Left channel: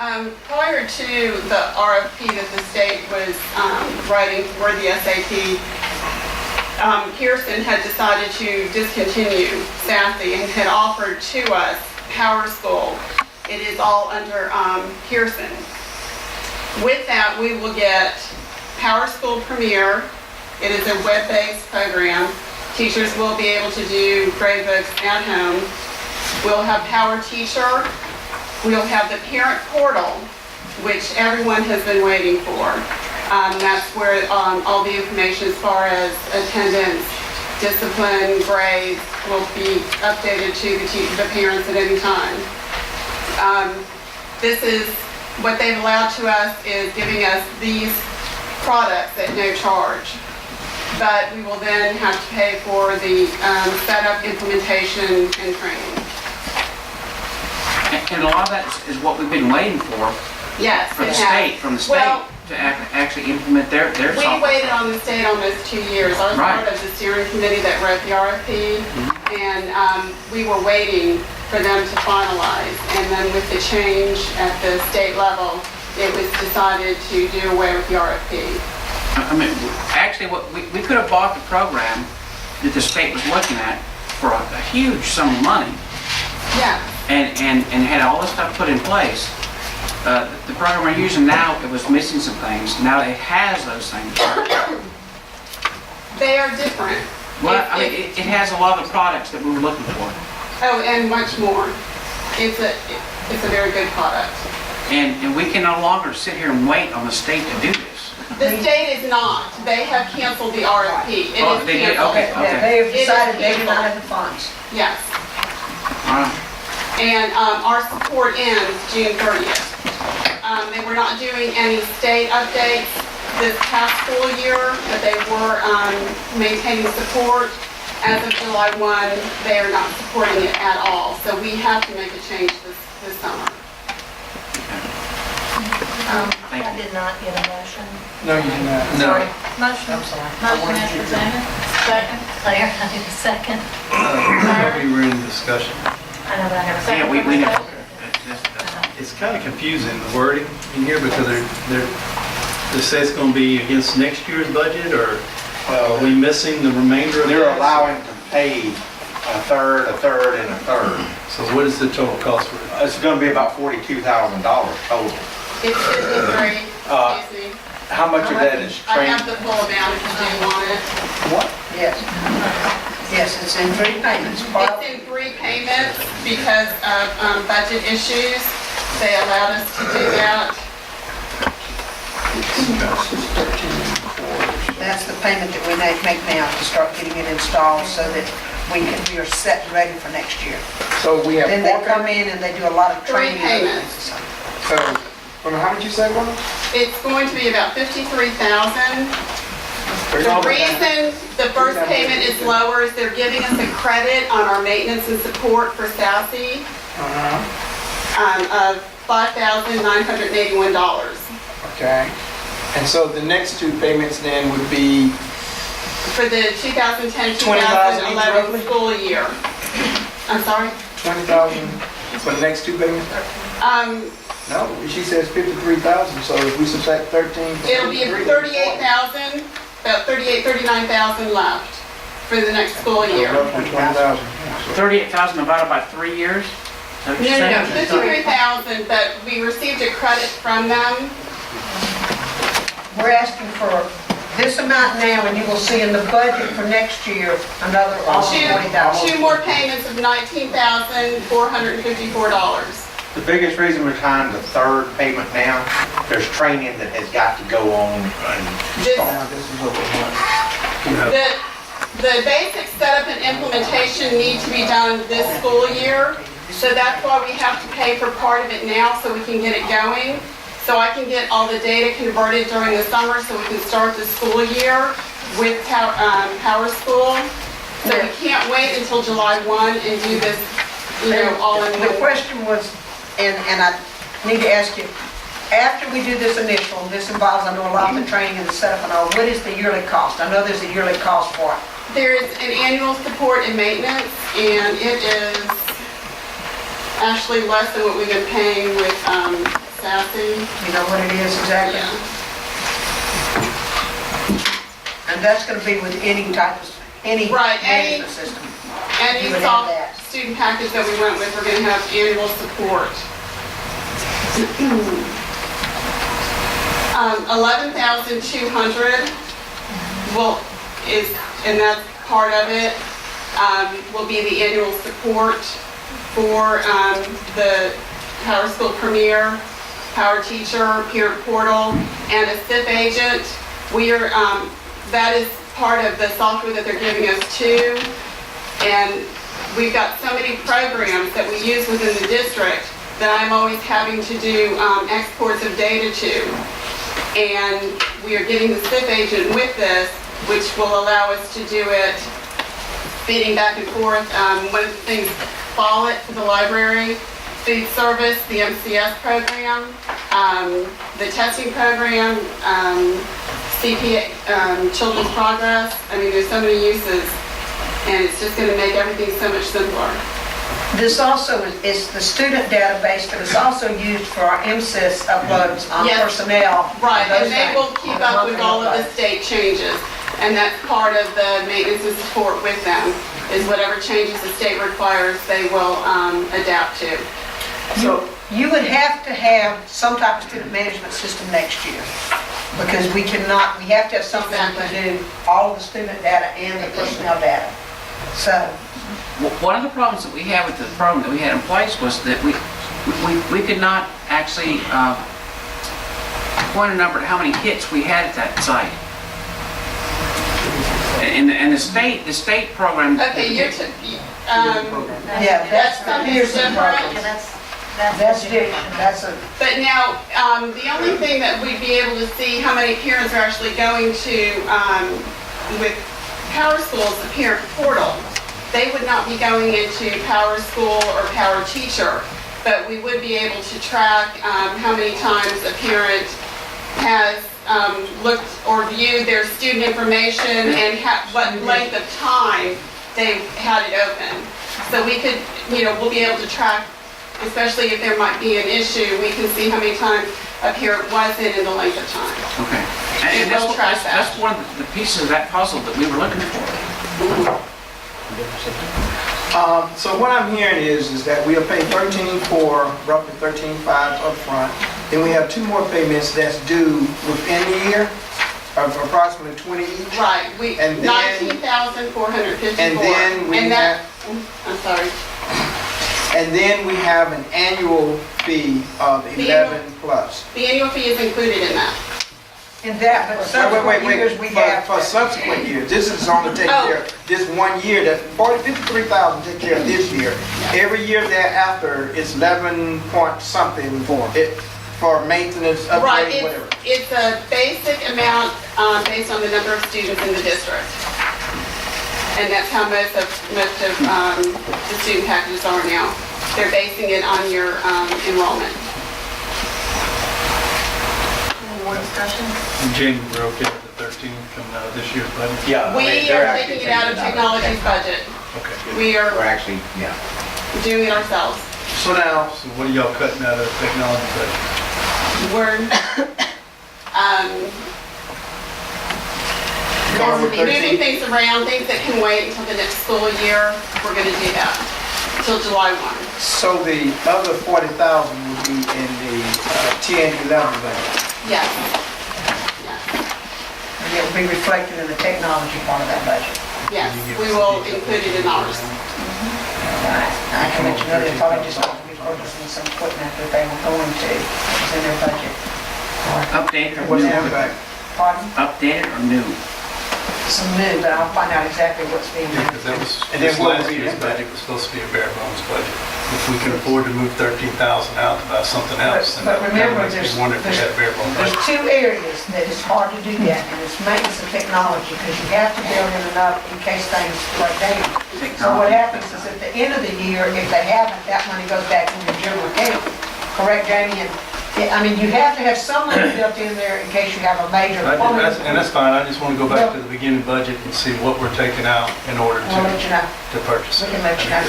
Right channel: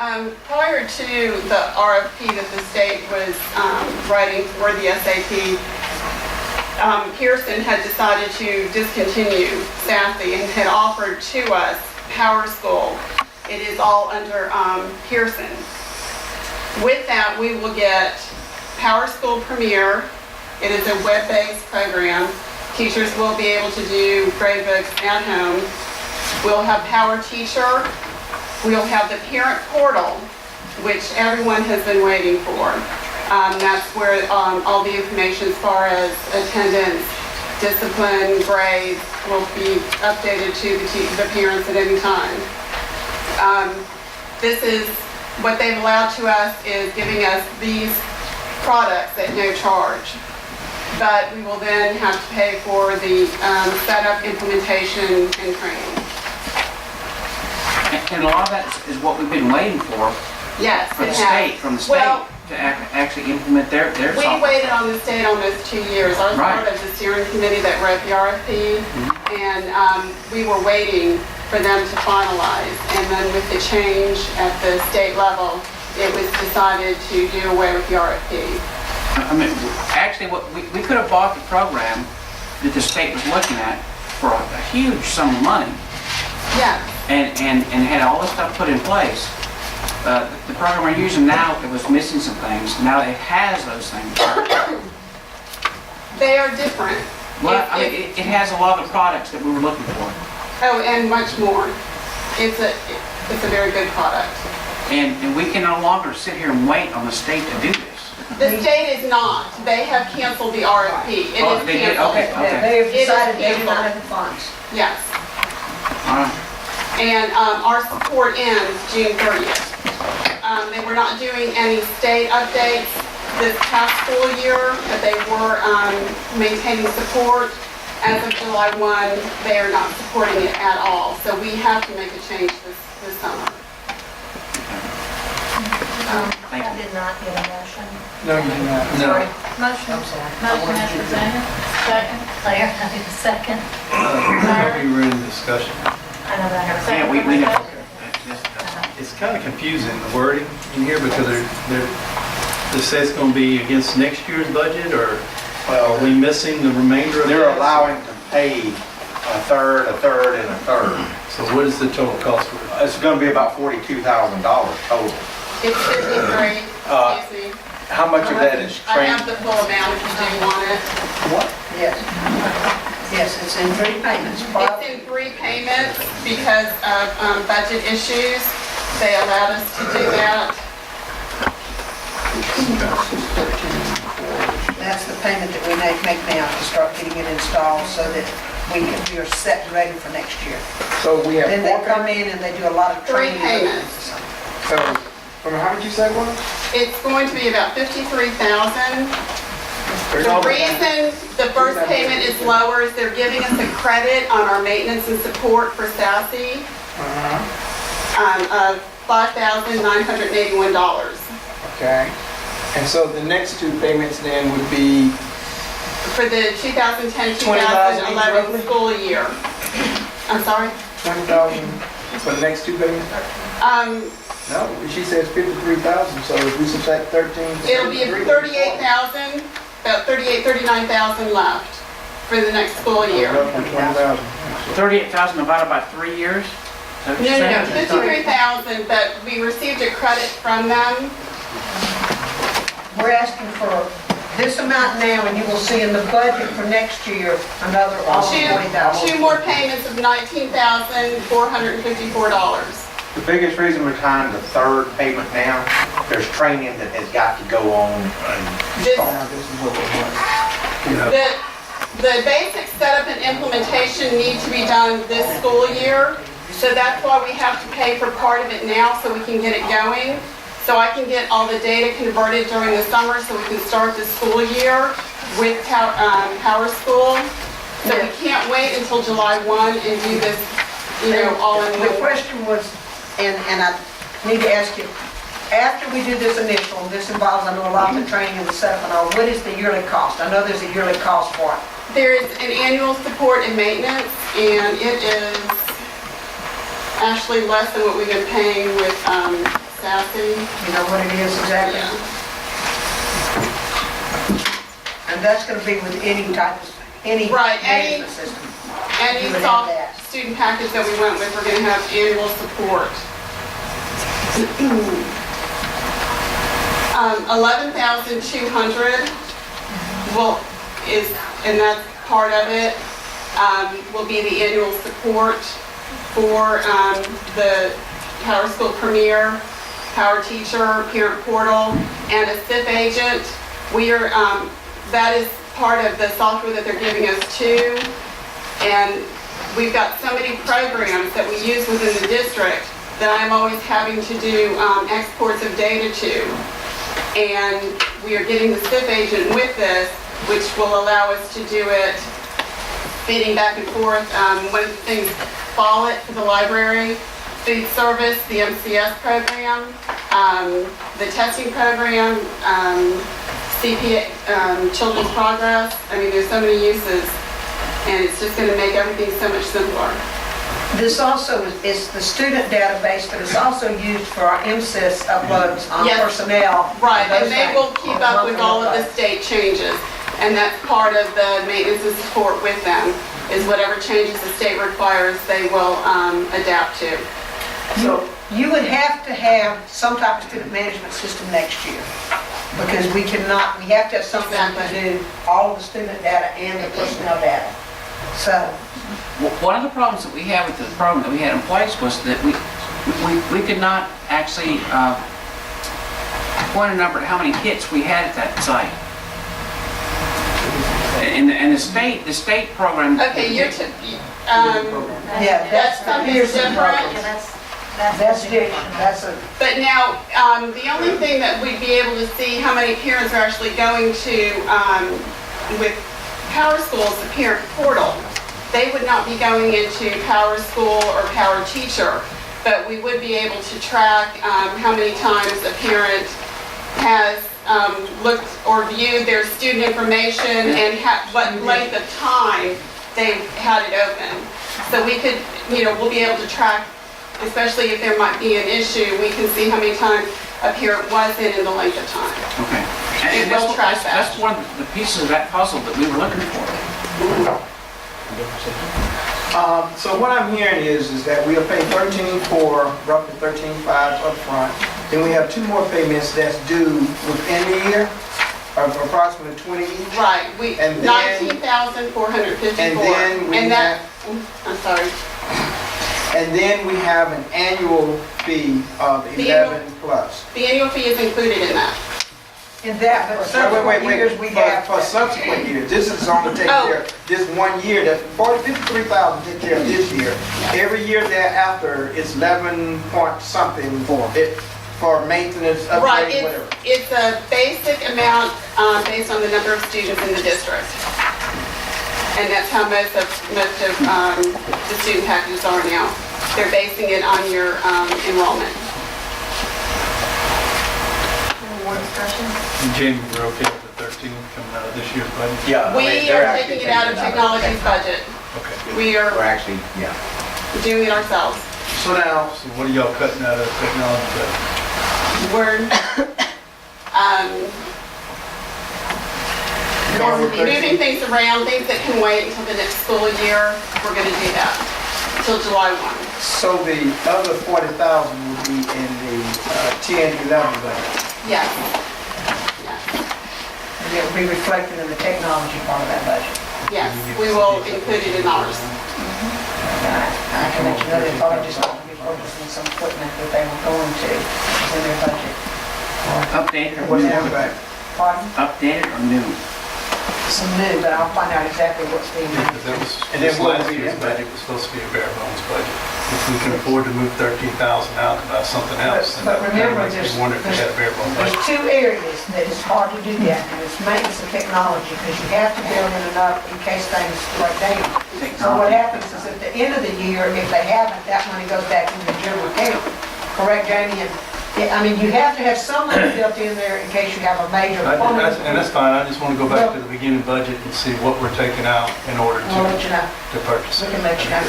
Prior to the RFP that the state was writing for the SAT, Pearson had decided to discontinue Sassy and had offered to us Power School. It is all under Pearson. With that, we will get Power School Premier. It is a web-based program. Teachers will be able to do grade books at home. We'll have Power Teacher. We'll have the parent portal, which everyone has been waiting for. That's where all the information as far as attendance, discipline, grades will be updated to the parents at any time. This is what they've allowed to us is giving us these products at no charge. But we will then have to pay for the setup, implementation, and training. And a lot of that is what we've been waiting for. Yes, from the state to actually implement their software. We waited on the state almost 2 years. I was part of the steering committee that wrote the RFP, and we were waiting for them to finalize. And then with the change at the state level, it was decided to do away with the RFP. I mean, actually, we could have bought the program that the state was looking at for a huge sum of money. Yeah. And had all this stuff put in place. The program we're using now, it was missing some things. Now it has those things. They are different. Well, it has a lot of the products that we were looking for. Oh, and much more. It's a very good product. And we can no longer sit here and wait on the state to do this. The state is not. They have canceled the RFP. It is they did? canceled. Okay. They have decided It is they do not have the funds. Yes. All right. And our support ends June 30th. They were not doing any state updates this past school year, but they were maintaining support. As of July 1, they are not supporting it at all. So we have to make a change this summer. I did not get a motion. No, you did not. Sorry. Motion. I'm sorry. Motion as presented. Second. Claire, I need a second. We were in discussion. I know, but I have a second. Yeah, we never. It's kind of confusing, the wording in here, because they say it's going to be against next year's budget, or are we missing the remainder of it? They're allowing to pay a third, and a third. So what is the total cost for it? It's going to be about $42,000 total. It's 53, excuse me. How much of that is I training? have the full amount if you do want it. What? Yes. Yes, it's in 3 payments. It's in 3 payments because of budget issues. They allowed us to do that. That's the payment that we make now to start getting it installed so that we are set and ready for next year. So we have Then they come in and they do a lot of 3 training. payments. So, how did you say it was? It's going to be about $53,000. The reason the first payment is lower is they're giving us a credit on our maintenance and support for Sassy of $5,981. Okay. And so the next 2 payments then would be, For the 2010-2011 school year. I'm sorry? 20,000 for the next 2 payments? No, she says 53,000, so if we subtract 13. It'll be 38,000, about 39,000 left for the next school year. Roughly 20,000. 38,000 divided by 3 years? Is that what you're No, saying? 53,000, but we received a credit from them. We're asking for this amount now, and you will see in the budget for next year another almost 40,000. 2 more payments of $19,454. The biggest reason we're trying the third payment now, there's training that has got to go on and start. This is what we want. The basic setup and implementation need to be done this school year, so that's why we have to pay for part of it now so we can get it going. So I can get all the data converted during the summer so we can start the school year with Power School. So we can't wait until July 1 and do this, all in The one. question was, and I need to ask you, after we do this initial, and this involves, I know, a lot of the training and the setup and all, what is the yearly cost? I know there's a yearly cost for it. There is an annual support and maintenance, and it is actually less than what we've been paying with chassis. You know what it is exactly? Yeah. And that's gonna be with any type of, any Right, any- management system. Any You would have soft that. student package that we went with, we're gonna have annual support. 11,200 and that's part of it, will be the annual support for the Power School Premier, Power Teacher, Parent Portal, and a SIP agent. We are, that is part of the software that they're giving us too. And we've got so many programs that we use within the district that I'm always having to do exports of data to. And we are getting the SIP agent with this, which will allow us to do it feeding back and forth. One of the things, Follett for the library, food service, the MCS program, the testing program, CPA, Children's Progress. I mean, there's so many uses, and it's just going to make everything so much simpler. This also is the student database, but it's also used for our MSIS uploads on Yes. personnel. Right, those and they things. will keep up with all of the state changes, and that's part of the maintenance and support with them, is whatever changes the state requires, they will adapt to. So, You would have to have some type of student management system next year, because we cannot, we have to have something to do all of the student data and the personnel data. So, One of the problems that we had with the program that we had in place was that we could not actually point a number to how many hits we had at that site. And the state program. Okay, yeah, That's that's something here's the different. problem. That's different, that's a, But now, the only thing that we'd be able to see how many parents are actually going to, with Power School's the parent portal. They would not be going into Power School or Power Teacher, but we would be able to track how many times a parent has looked or viewed their student information and what length of time they've had it open. So we could, we'll be able to track, especially if there might be an issue, we can see how many times a parent was in the length of time. Okay. It And will track that. that's one of the pieces of that puzzle that we were looking for. so what I'm hearing is that we are paying 13.4, roughly 13.5 up front. Then we have 2 more payments that's due within the year, of approximately 20 each. Right, And then- 19,454. And then we And that, I'm sorry. And then we have an annual fee of The 11 plus. The annual fee is included in that. in that, but subsequent years we have. For subsequent years, this is only taking Oh. care of this 1 year, that's 53,000 take care of this year. Every year thereafter, it's 11 point something for maintenance, Right, upgrade, whatever. it's a basic amount based on the number of students in the district. And that's how most of the student packages are now. They're basing it on your enrollment. Any more discussion? And Jamie, we're okay with the 13 coming out of this year's budget? Yeah. I mean, We they're are actually taking it out of technology's budget. Okay, good. We We're are actually, yeah. doing it ourselves. So now, So what are y'all cutting out of the technology budget? We're going with moving 13? things around, things that can wait until the next school year. We're going to do that until July 1. So the other 40,000 will be in the 10-11 budget. Yes. Yes. And it will be reflected in the technology part of that budget. Yes, we will include it in ours. I can let you know, they probably just going to be purchasing some equipment that they were going to, it's in their budget. Updated or What's the new? impact? Pardon? Updated or new? Some new, but I'll find out exactly what's being Yeah, done. because that was, And then this what last will be year's the impact? budget was supposed to be a bare bones budget. If we can afford to move 13,000 out to buy something else, then But that kind of remember, makes me wonder if we had a bare bones There's budget. 2 areas that it's hard to do that, and it's maintenance and technology, because you have to build in enough in case things break down. So what happens is at the end of the year, if they haven't, that money goes back into the general account. Correct, Jamie? And, I mean, you have to have some money built in there in case you have a major plumbing. And that's fine, I just want to go back to the beginning budget and see what we're taking out in order We'll let you know. to purchase We it. can let you know.